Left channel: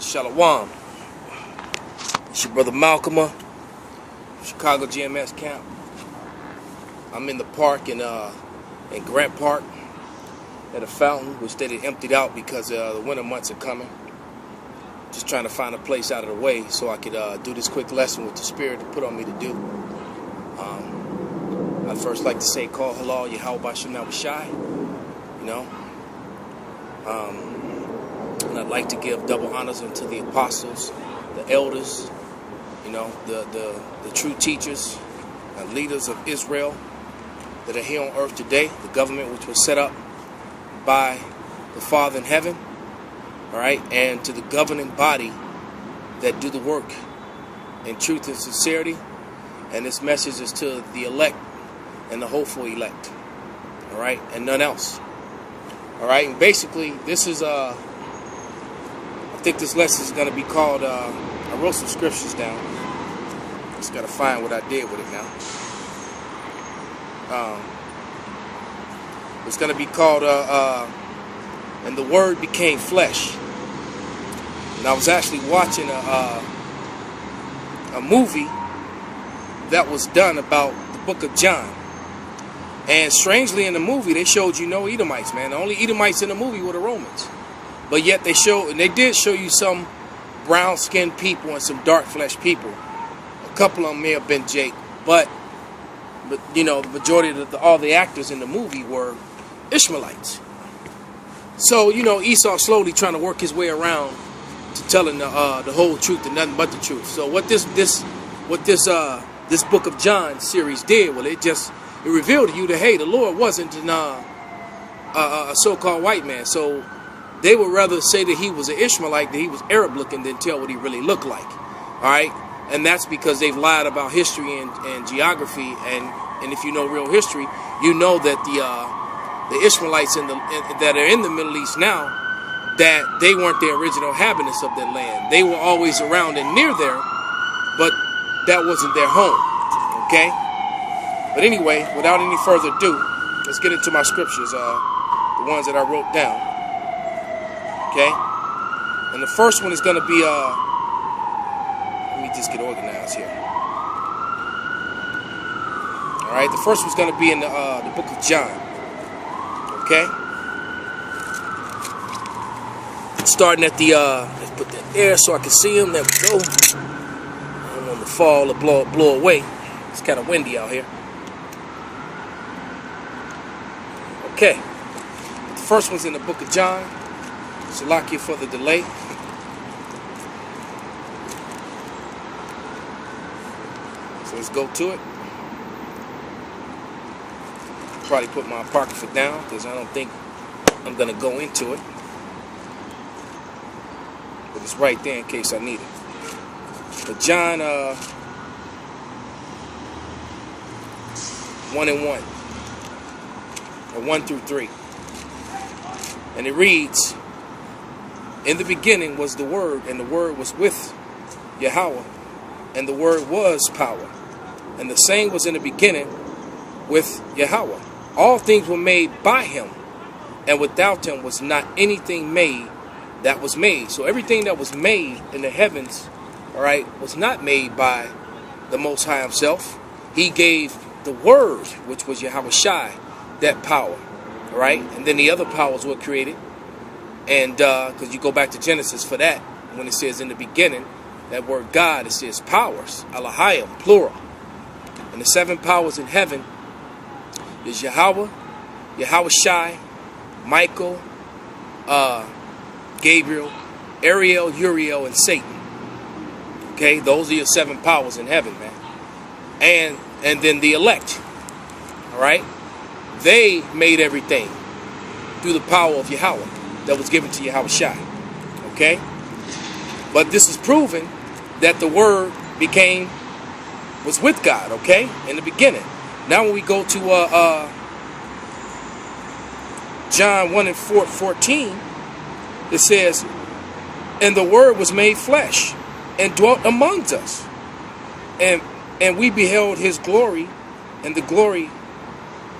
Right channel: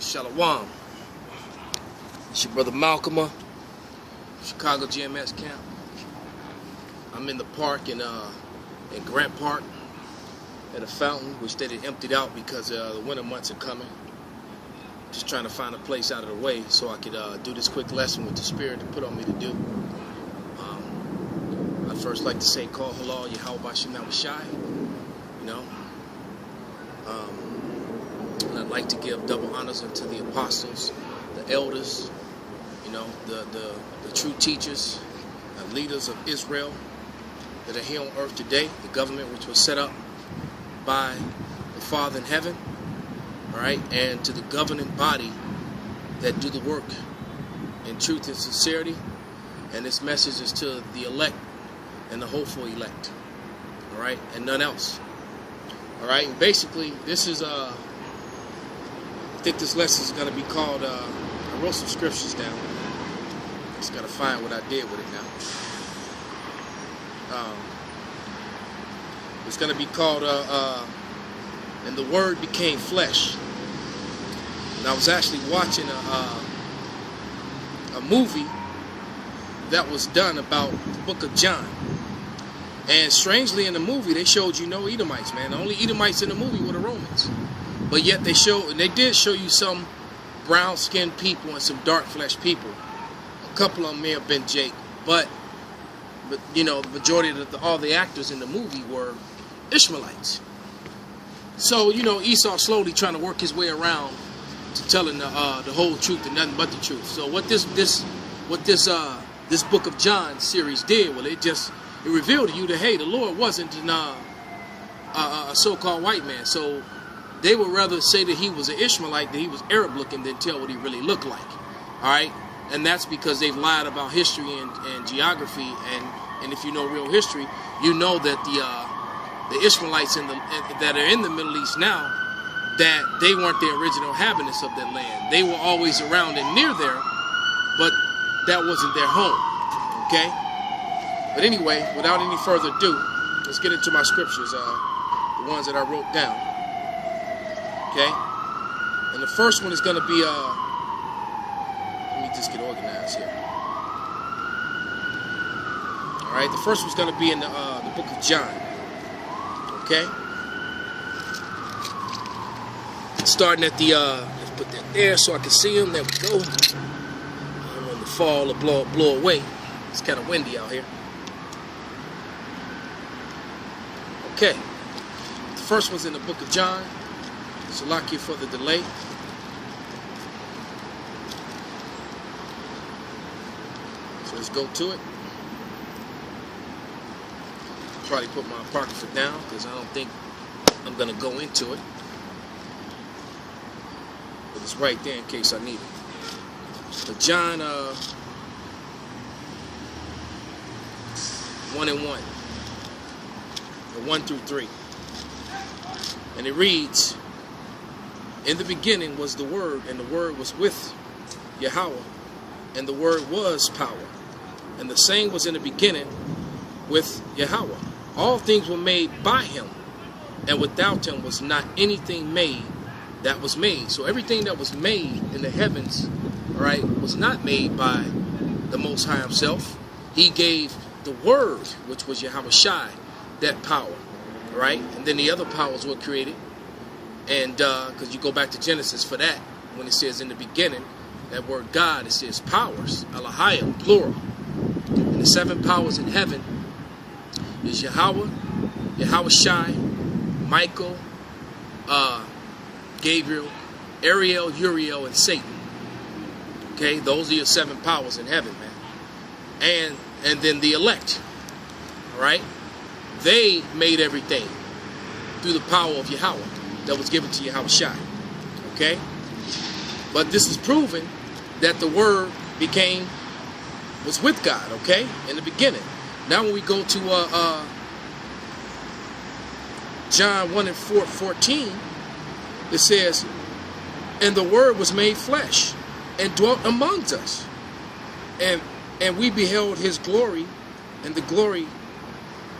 Shalom. It's your brother MALCHAAMAH, Chicago GMS camp. I'm in the park in Grant Park at a fountain, which they had emptied out because the winter months are coming. Just trying to find a place out of the way so I could do this quick lesson with the Spirit put on me to do. I'd first like to say, call halal Yahweh Shem Shai. And I'd like to give double honors unto the apostles, the elders, the true teachers, leaders of Israel that are here on earth today, the government which was set up by the Father in heaven, all right, and to the governing body that do the work in truth and sincerity. And this message is to the elect and the hopeful elect, all right, and none else. All right, and basically this is I think this lesson is going to be called, I wrote some scriptures down. Just got to find what I did with it now. It's going to be called, and the Word became flesh. And I was actually watching a movie that was done about the book of John. And strangely in the movie, they showed you no Edomites, man. The only Edomites in the movie were the Romans. But yet they did show you some brown-skinned people and some dark-fleshed people. A couple of them may have been Jake, but the majority of all the actors in the movie were Ishmaelites. So Esau slowly trying to work his way around to telling the whole truth and nothing but the truth. So what this book of John series did, well, it revealed to you that, hey, the Lord wasn't a so-called white man. So they would rather say that he was an Ishmaelite, that he was Arab looking, than tell what he really looked like. All right, and that's because they've lied about history and geography, and if you know real history, you know that the Ishmaelites that are in the Middle East now, that they weren't the original inhabitants of that land. They were always around and near there, but that wasn't their home. Okay. But anyway, without any further ado, let's get into my scriptures, the ones that I wrote down. Okay? And the first one is going to be, let me just get organized here. All right, the first one's going to be in the book of John. Okay? Starting at the, let's put that there so I can see them. There we go. I don't want the fall to blow away. It's kind of windy out here. Okay, the first one's in the book of John. Salakia for the delay. So let's go to it. Probably put my apocrypha down because I don't think I'm going to go into it. But it's right there in case I need it. But John 1 and 1. 1 through 3. And it reads, in the beginning was the Word, and the Word was with Yahweh, and the Word was power. And the same was in the beginning with Yahweh. All things were made by him, and without him was not anything made that was made. So everything that was made in the heavens, all right, was not made by the Most High himself. He gave the Word, which was Yahweh Shai, that power, right? And then the other powers were created. And because you go back to Genesis for that, when it says in the beginning, that word God, it says powers, Elohim, plural. And the 7 powers in heaven is Yahweh, Yahweh Shai, Michael, Gabriel, Ariel, Uriel, and Satan. Okay, those are your 7 powers in heaven, man. And then the elect, all right? They made everything through the power of Yahweh that was given to Yahweh Shai. Okay? But this is proving that the Word was with God, okay? In the beginning. Now when we go to John 1 and 14, it says, and the Word was made flesh and dwelt amongst us. And we beheld his glory, and the glory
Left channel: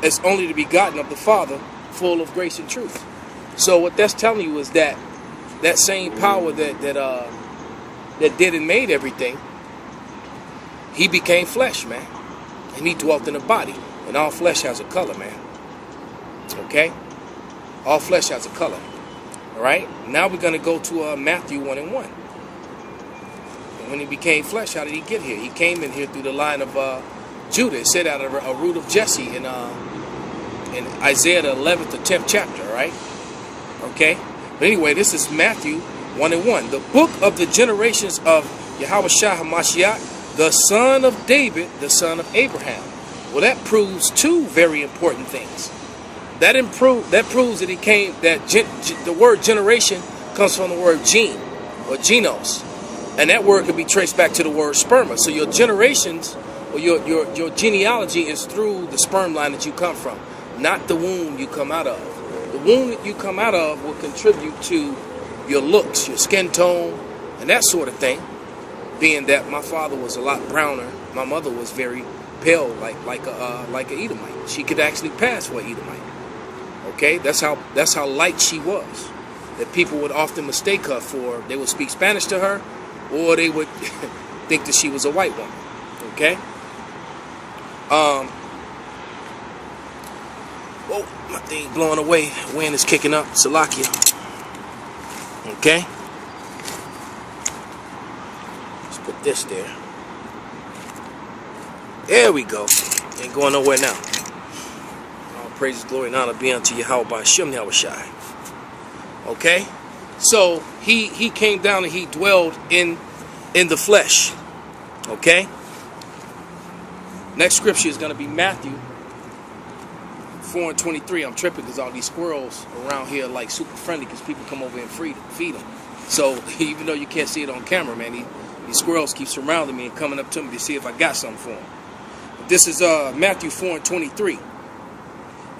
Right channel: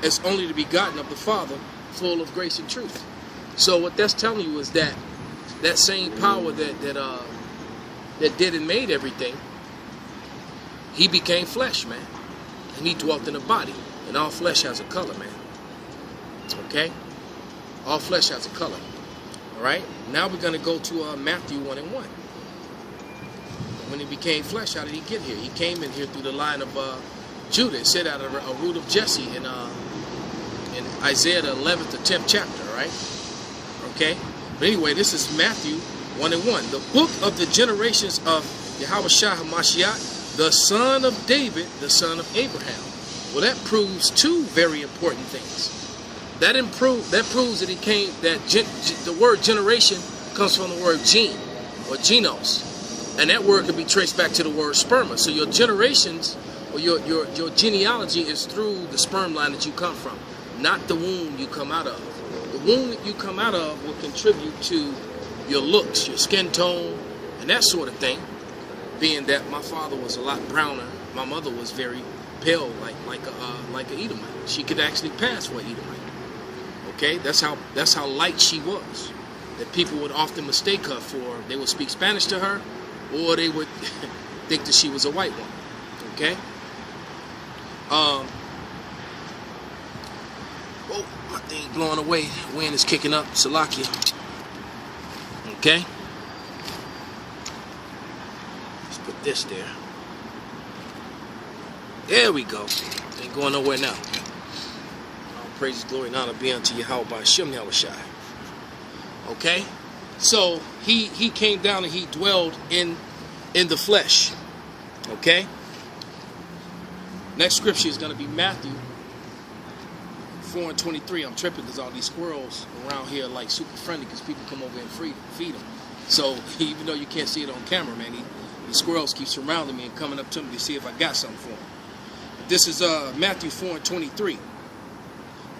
as only the begotten of the Father, full of grace and truth. So what that's telling you is that that same power that did and made everything, he became flesh, man. And he dwelt in a body. And all flesh has a color, man. Okay? All flesh has a color. All right? Now we're going to go to Matthew 1:1. When he became flesh, how did he get here? He came in here through the line of Judah. It said out of a root of Jesse in Isaiah the 11th to 10th chapter, right? Okay? But anyway, this is Matthew 1:1. The book of the generations of Yahushua HaMashiach, the son of David, the son of Abraham. Well, that proves two very important things. That proves that he came, that the word generation comes from the word gene or genos. And that word can be traced back to the word sperma. So your generations or your genealogy is through the sperm line that you come from, not the womb you come out of. The womb that you come out of will contribute to your looks, your skin tone, and that sort of thing. Being that my father was a lot browner, my mother was very pale, like a Edomite. She could actually pass for an Edomite. Okay, that's how light she was. That people would often mistake her for. They would speak Spanish to her, or they would think that she was a white woman. Okay. Oh, my thing blowing away. Wind is kicking up. Salakia. Okay. Let's put this there. There we go. Ain't going nowhere now. All praises, glory, and honor be unto Yahweh by Shem Yahushai. Okay. So he came down and he dwelled in the flesh. Okay. Next scripture is going to be Matthew 4:23. I'm tripping because all these squirrels around here are like super friendly because people come over and feed them. So even though you can't see it on camera, man, these squirrels keep surrounding me and coming up to me to see if I got something for them. This is Matthew 4:23.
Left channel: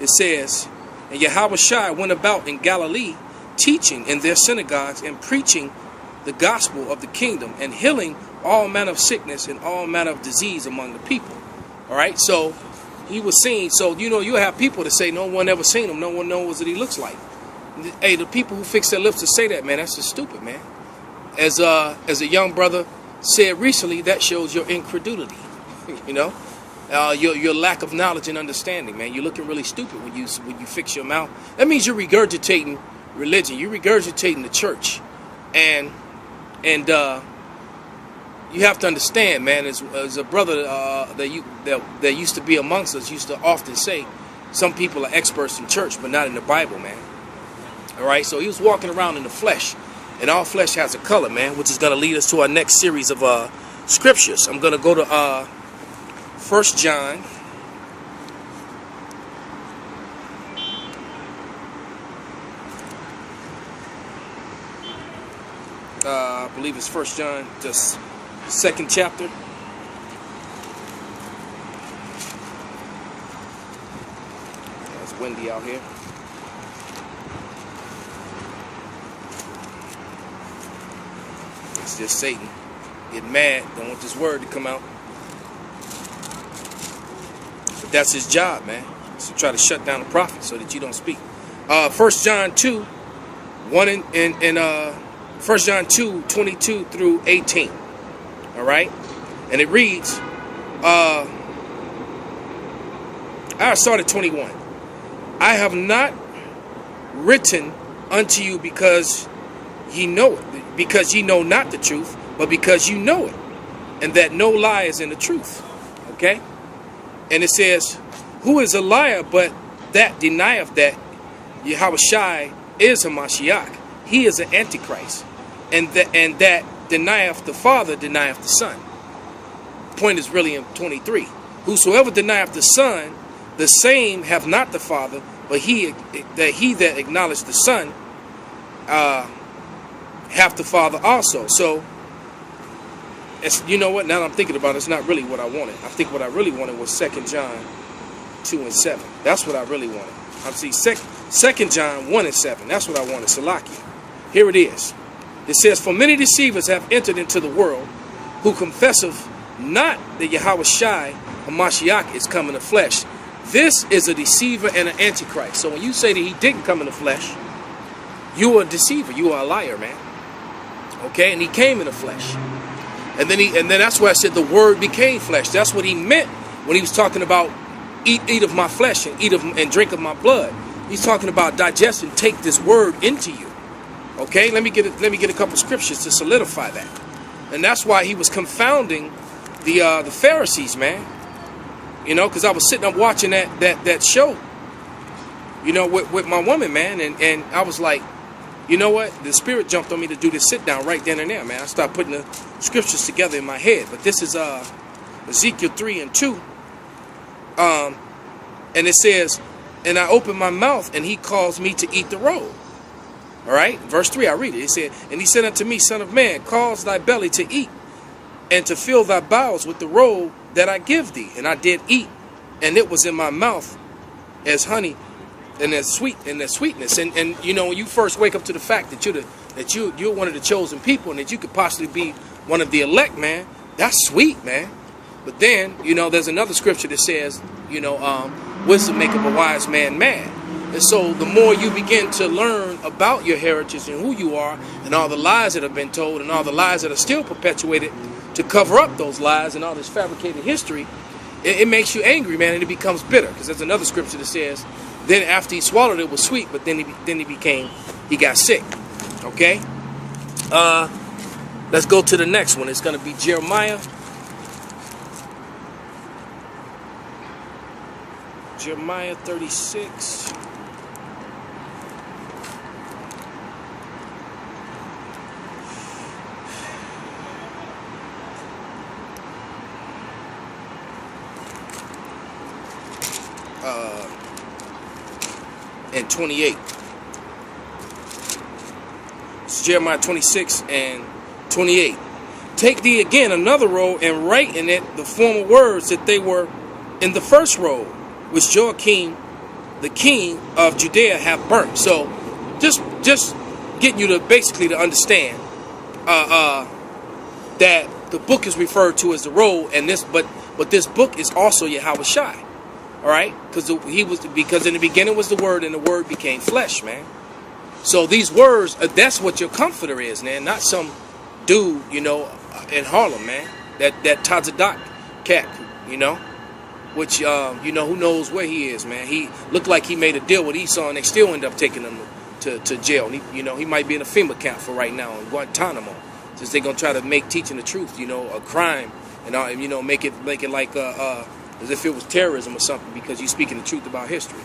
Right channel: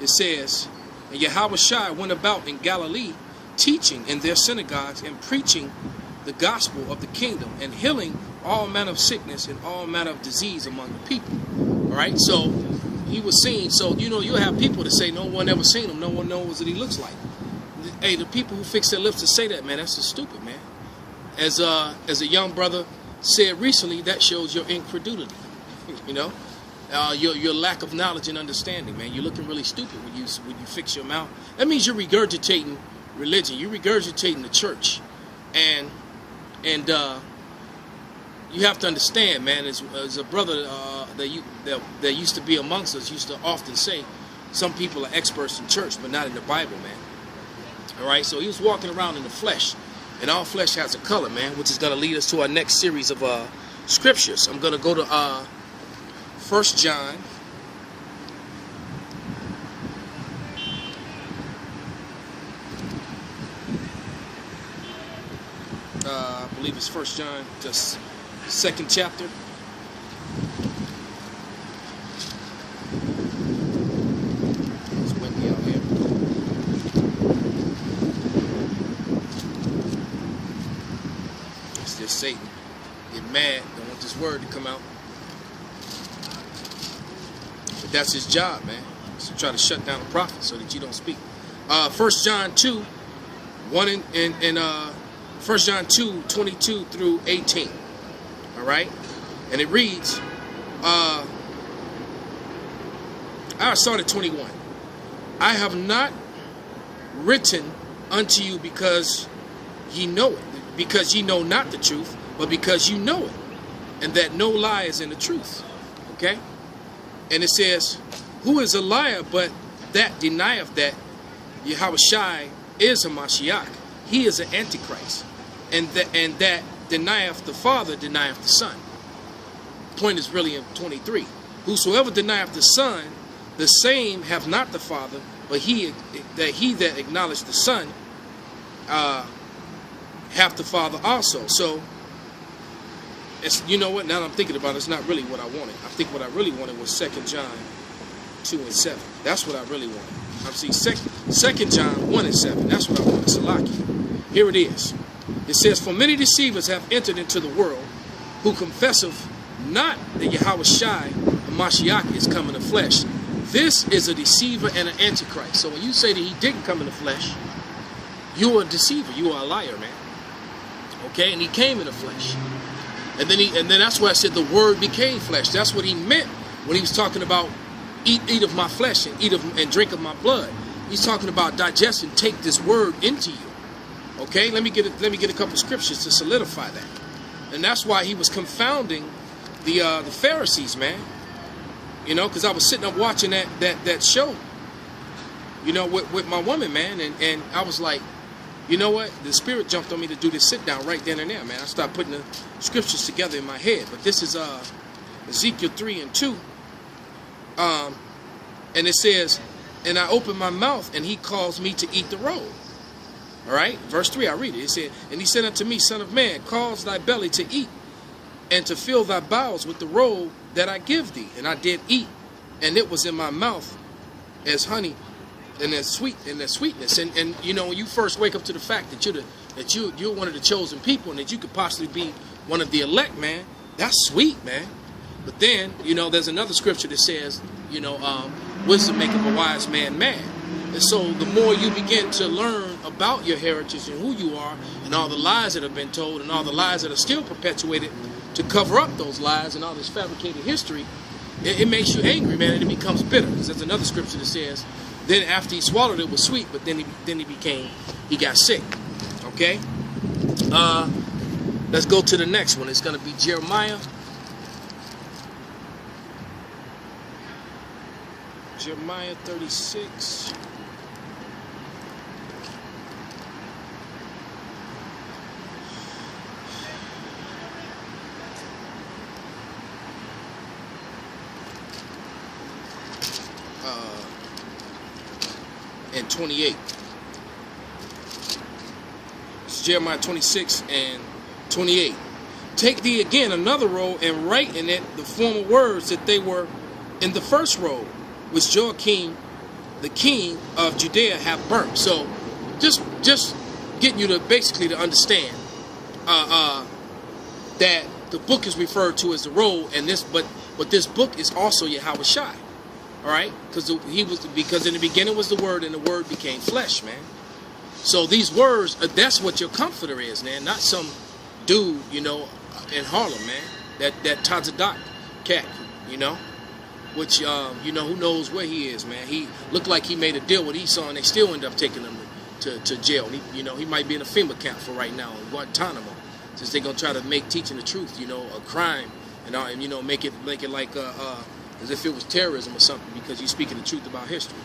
It says, and Yahushua went about in Galilee, teaching in their synagogues and preaching the gospel of the kingdom and healing all manner of sickness and all manner of disease among the people. All right, so he was seen. So you have people that say no one ever seen him, no one knows what he looks like. Hey, the people who fix their lips to say that, man, that's just stupid, man. As a young brother said recently, that shows your incredulity. Your lack of knowledge and understanding, man. You're looking really stupid when you fix your mouth. That means you're regurgitating religion. You're regurgitating the church, and you have to understand, man. As a brother that used to be amongst us used to often say, some people are experts in church, but not in the Bible, man. All right, so he was walking around in the flesh, and all flesh has a color, man, which is going to lead us to our next series of scriptures. I'm going to go to 1 John. I believe it's 1 John, the 2nd chapter. It's windy out here. It's just Satan getting mad. Don't want this word to come out. But that's his job, man. Is to try to shut down the prophet so that you don't speak. 1 John 2, 1 John 2, 22 through 18. All right? And it reads, I started 21. I have not written unto you because ye know it, because ye know not the truth, but because you know it, and that no lie is in the truth. Okay? And it says, who is a liar but that denieth that Yahushua is a Mashiach? He is an Antichrist. And that denieth the Father, denieth the Son. Point is really in 23. Whosoever denieth the Son, the same have not the Father, but he that acknowledged the Son hath the Father also. So, you know what? Now that I'm thinking about it, it's not really what I wanted. I think what I really wanted was 2 John 2 and 7. That's what I really wanted. I see 2 John 1 and 7. That's what I wanted. Salaki. Here it is. It says, for many deceivers have entered into the world, who confesseth not that Yahushua HaMashiach is come in the flesh. This is a deceiver and an antichrist. So when you say that he didn't come in the flesh, You are a deceiver. You are a liar, man. Okay, and he came in the flesh. And then that's why I said the word became flesh. That's what he meant when he was talking about eat of my flesh and and drink of my blood. He's talking about digest and take this word into you. Okay, let me get a couple scriptures to solidify that. And that's why he was confounding the Pharisees, man. You know, because I was sitting up watching that show, you know, with my woman, man, and I was like, you know what? The Spirit jumped on me to do this sit down right then and there, man. I started putting the scriptures together in my head. But this is Ezekiel 3:2. And it says, and I opened my mouth, and he caused me to eat the roll. All right, verse 3, I read it. It said, and he said unto me, Son of man, cause thy belly to eat, and to fill thy bowels with the roll that I give thee. And I did eat, and it was in my mouth as honey, and as sweetness. And you know, when you first wake up to the fact that you're one of the chosen people, and that you could possibly be one of the elect, man, that's sweet, man. But then, you know, there's another scripture that says, you know, wisdom maketh a wise man mad. And so the more you begin to learn about your heritage and who you are, and all the lies that have been told, and all the lies that are still perpetuated to cover up those lies, and all this fabricated history, it makes you angry, man, and it becomes bitter. Because there's another scripture that says, then after he swallowed it was sweet, but then he got sick. Okay? Let's go to the next one. It's going to be Jeremiah. Jeremiah 36. And 28. It's Jeremiah 26 and 28. Take thee again another roll, and write in it the former words that they were in the first roll, which Joachim, the king of Judea, have burnt. So, just getting you to basically to understand that the book is referred to as the roll, and but this book is also Yahweh Shai. All right, because in the beginning was the Word, and the Word became flesh, man. So these words, that's what your comforter is, man. Not some dude, you know, in Harlem, man. That Tazadak cat, you know, which you know, who knows where he is, man. He looked like he made a deal with Esau, and they still end up taking him to jail. He, you know, he might be in a FEMA camp for right now in Guantanamo, since they're gonna try to make teaching the truth, you know, a crime, and you know, make it like as if it was terrorism or something, because you're speaking the truth about history.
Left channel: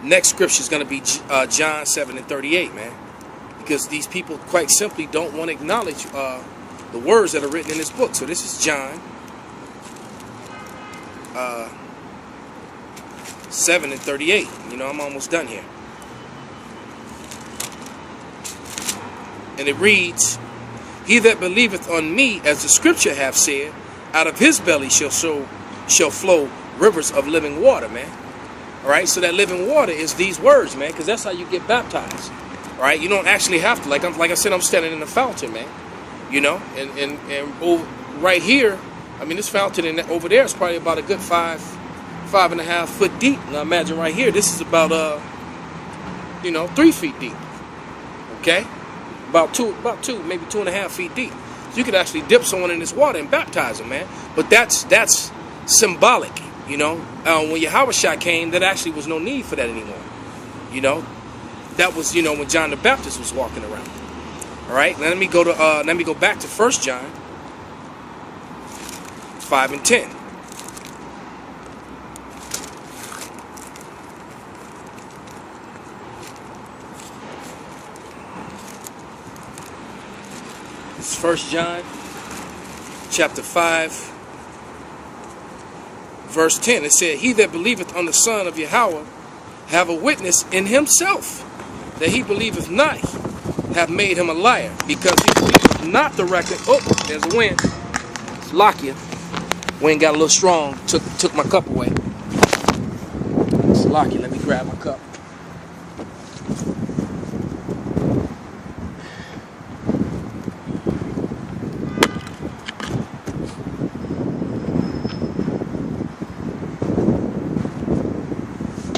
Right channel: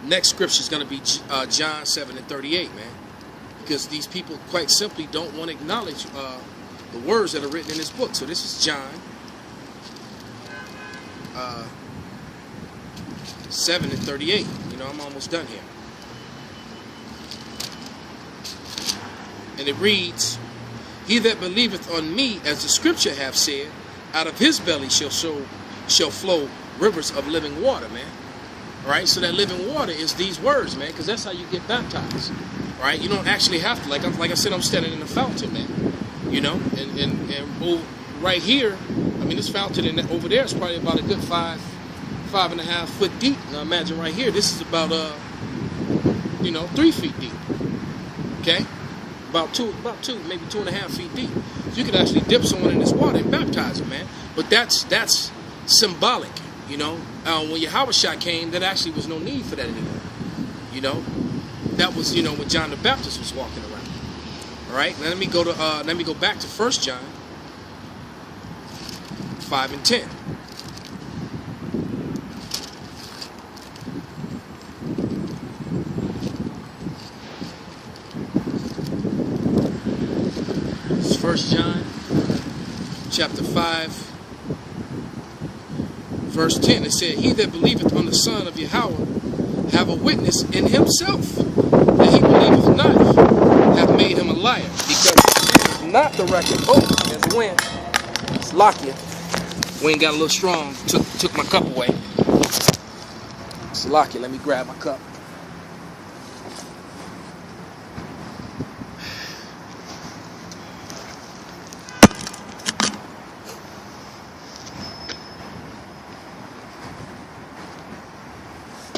Next scripture is going to be John 7:38, man, because these people quite simply don't want to acknowledge the words that are written in this book. So this is John 7:38. You know, I'm almost done here. And it reads, he that believeth on me, as the scripture hath said, out of his belly shall flow rivers of living water, man. All right, so that living water is these words, man, because that's how you get baptized. All right, you don't actually have to, like I said, I'm standing in a fountain, man. You know, and right here, I mean, this fountain over there is probably about a good 5.5 foot deep. Now imagine right here, this is about 3 feet deep. Okay. About two, maybe 2.5 feet deep. So you could actually dip someone in this water and baptize them, man. But that's symbolic, you know. When Yahweh Shai came, there actually was no need for that anymore. You know, that was, you know, when John the Baptist was walking around. All right. Now let me go back to 1 John 5 and 10. It's 1 John chapter 5 verse 10. It said, he that believeth on the Son of Yahweh have a witness in himself, that he believeth not, have made him a liar, because he believeth not the record. Oh, there's a wind. It's Lakia. Wind got a little strong. Took my cup away. It's Lakia. Let me grab my cup.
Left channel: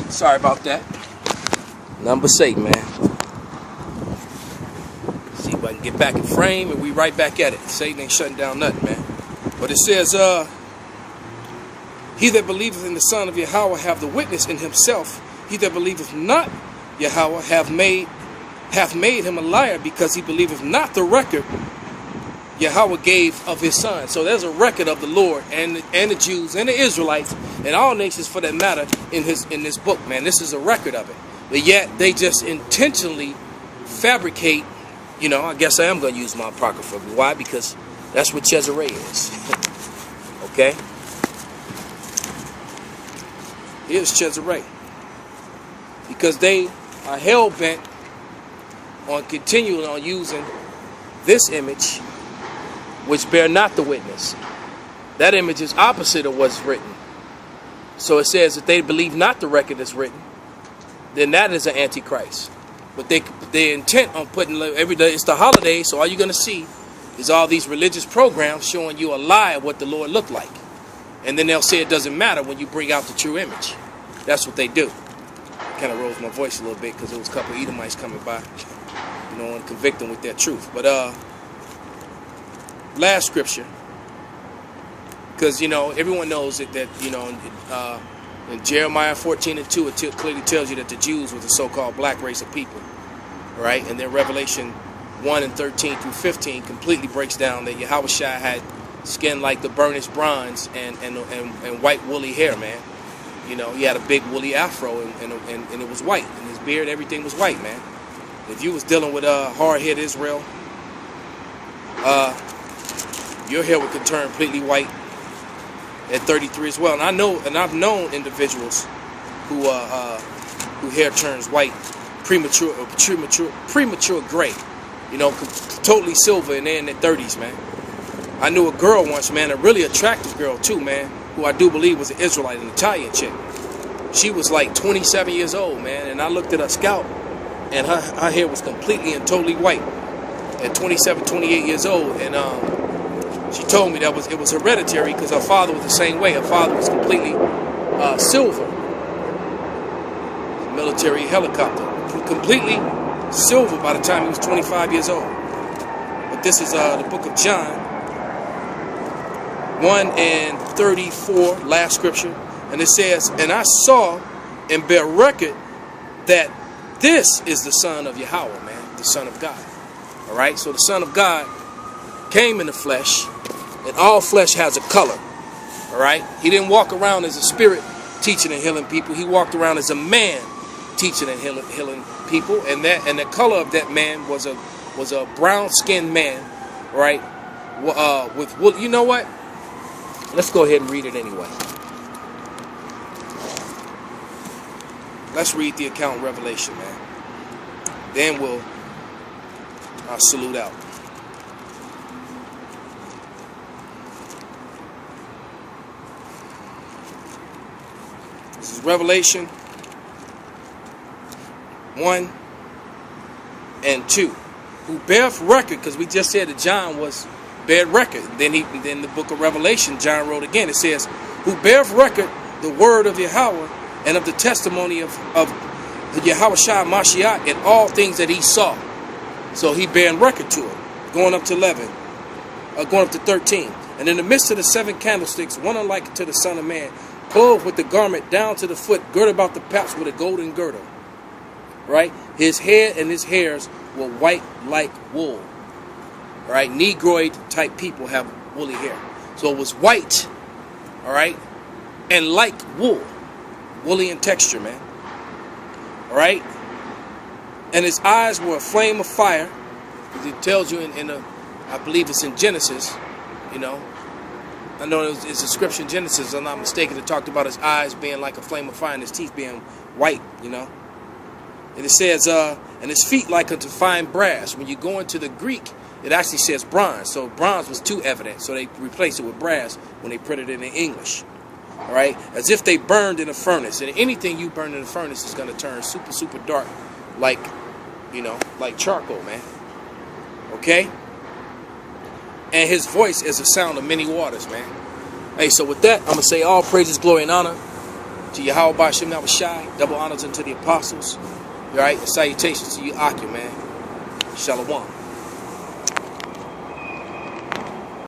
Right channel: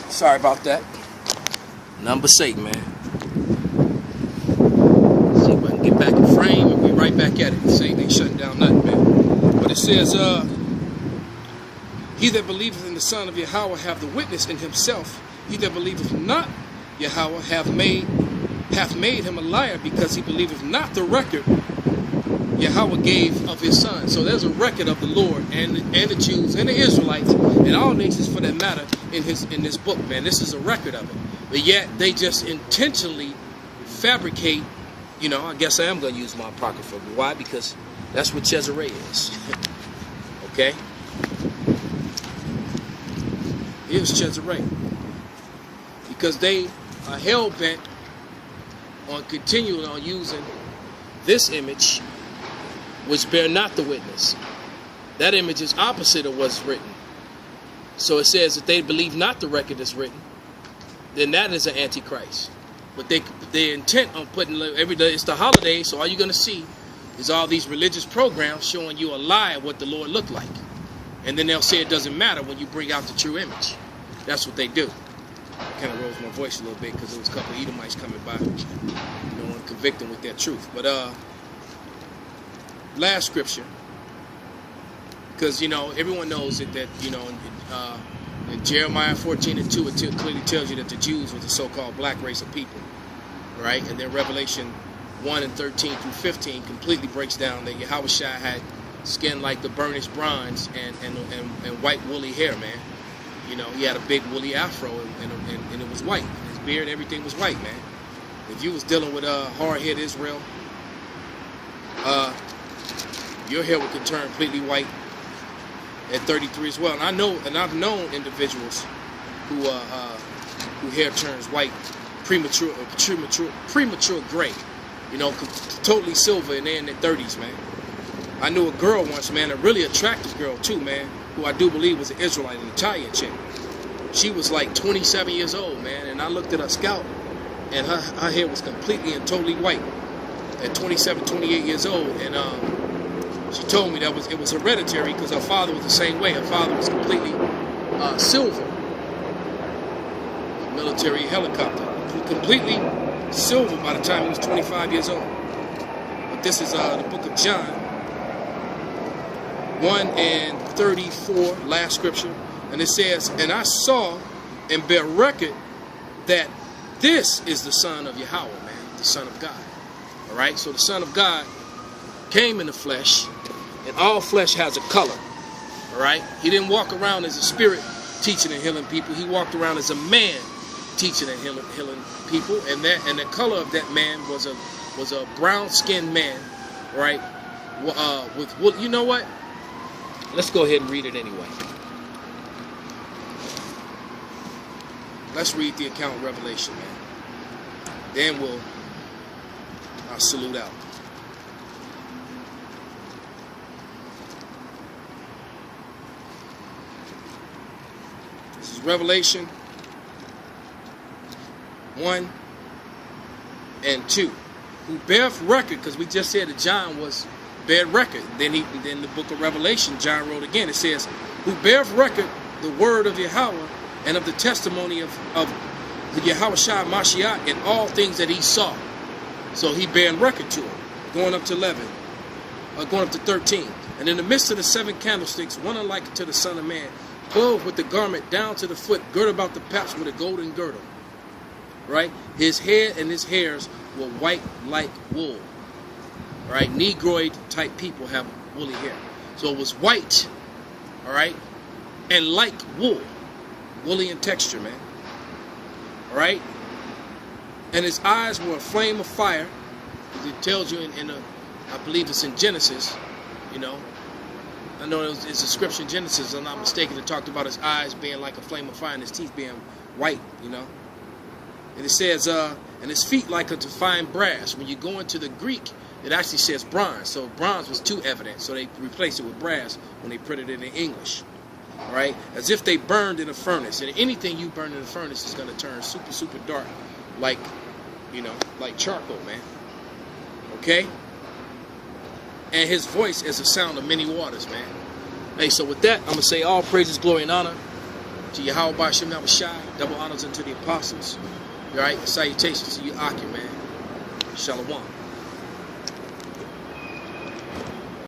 Sorry about that. Nothing but Satan, man. See if I can get back in frame and we right back at it. Satan ain't shutting down nothing, man. But it says, he that believeth in the Son of Yahweh have the witness in himself. He that believeth not Yahweh hath made him a liar, because he believeth not the record Yahweh gave of his Son. So there's a record of the Lord and the Jews and the Israelites and all nations for that matter in this book, man. This is a record of it. But yet they just intentionally fabricate, you know, I guess I am going to use my Apocrypha. Why? Because that's what Caesarea is. Okay? Here's Caesarea. Because they are hell-bent on continuing on using this image, which bear not the witness. That image is opposite of what's written. So it says that they believe not the record that's written, then that is an antichrist. But they're intent on putting every day. It's the holiday, so all you're going to see is all these religious programs showing you a lie of what the Lord looked like. And then they'll say it doesn't matter when you bring out the true image. That's what they do. I kind of rose my voice a little bit because there was a couple of Edomites coming by, you know, and convict them with their truth. But last scripture, because, you know, everyone knows that you know, in Jeremiah 14:2, it clearly tells you that the Jews were the so-called black race of people, right? And then Revelation 1:13-15 completely breaks down that Yahushua had skin like the burnished bronze and white woolly hair, man. You know, he had a big woolly afro and it was white. And his beard, everything was white, man. If you was dealing with hard-hit Israel, your hair would turn completely white at 33 as well. And I've known individuals who hair turns white, premature gray, you know, totally silver, and they're in their 30s, man. I knew a girl once, man, a really attractive girl too, man, who I do believe was an Israelite, an Italian chick. She was like 27 years old, man, and I looked at her scalp, and her hair was completely and totally white at 27, 28 years old, and she told me that it was hereditary because her father was the same way. Her father was completely silver, military helicopter, completely silver by the time he was 25 years old. But this is the book of John 1:34, last scripture, and it says, "And I saw and bear record that this is the Son of Yahweh," man, the Son of God. All right, so the Son of God came in the flesh, and all flesh has a color. All right, he didn't walk around as a spirit teaching and healing people. He walked around as a man teaching and healing people, and the color of that man was a brown-skinned man, right? With you know what? Let's go ahead and read it anyway. Let's read the account of Revelation, man. Then I'll salute out. This is Revelation 1 and 2. Who beareth record, because we just said that John was bear record. Then the book of Revelation, John wrote again. It says, "Who beareth record the word of Yahweh and of the testimony of the Yahushua Mashiach and all things that he saw." So he bearing record to it. Going up to 13. "And in the midst of the 7 candlesticks, one unlike to the Son of Man, clothed with the garment down to the foot, girded about the paps with a golden girdle." Right? His head and his hairs were white like wool. Right? Negroid type people have woolly hair. So it was white, all right, and like wool. Woolly in texture, man. All right? And his eyes were a flame of fire. It tells you I believe it's in Genesis, you know. I know it's a scripture in Genesis, if I'm not mistaken, it talked about his eyes being like a flame of fire and his teeth being white, you know. And it says, and his feet like unto fine brass. When you go into the Greek, it actually says bronze. So bronze was too evident. So they replaced it with brass when they printed it in English. All right? As if they burned in a furnace. And anything you burn in a furnace is going to turn super, super dark. Like, you know, like charcoal, man. Okay? And his voice is the sound of many waters, man. Hey, so with that, I'm going to say all praises, glory, and honor to Yahweh Ba'ashem Yahushai. Double honors unto the apostles. All right, salutations to you, Aki, man. Shalom.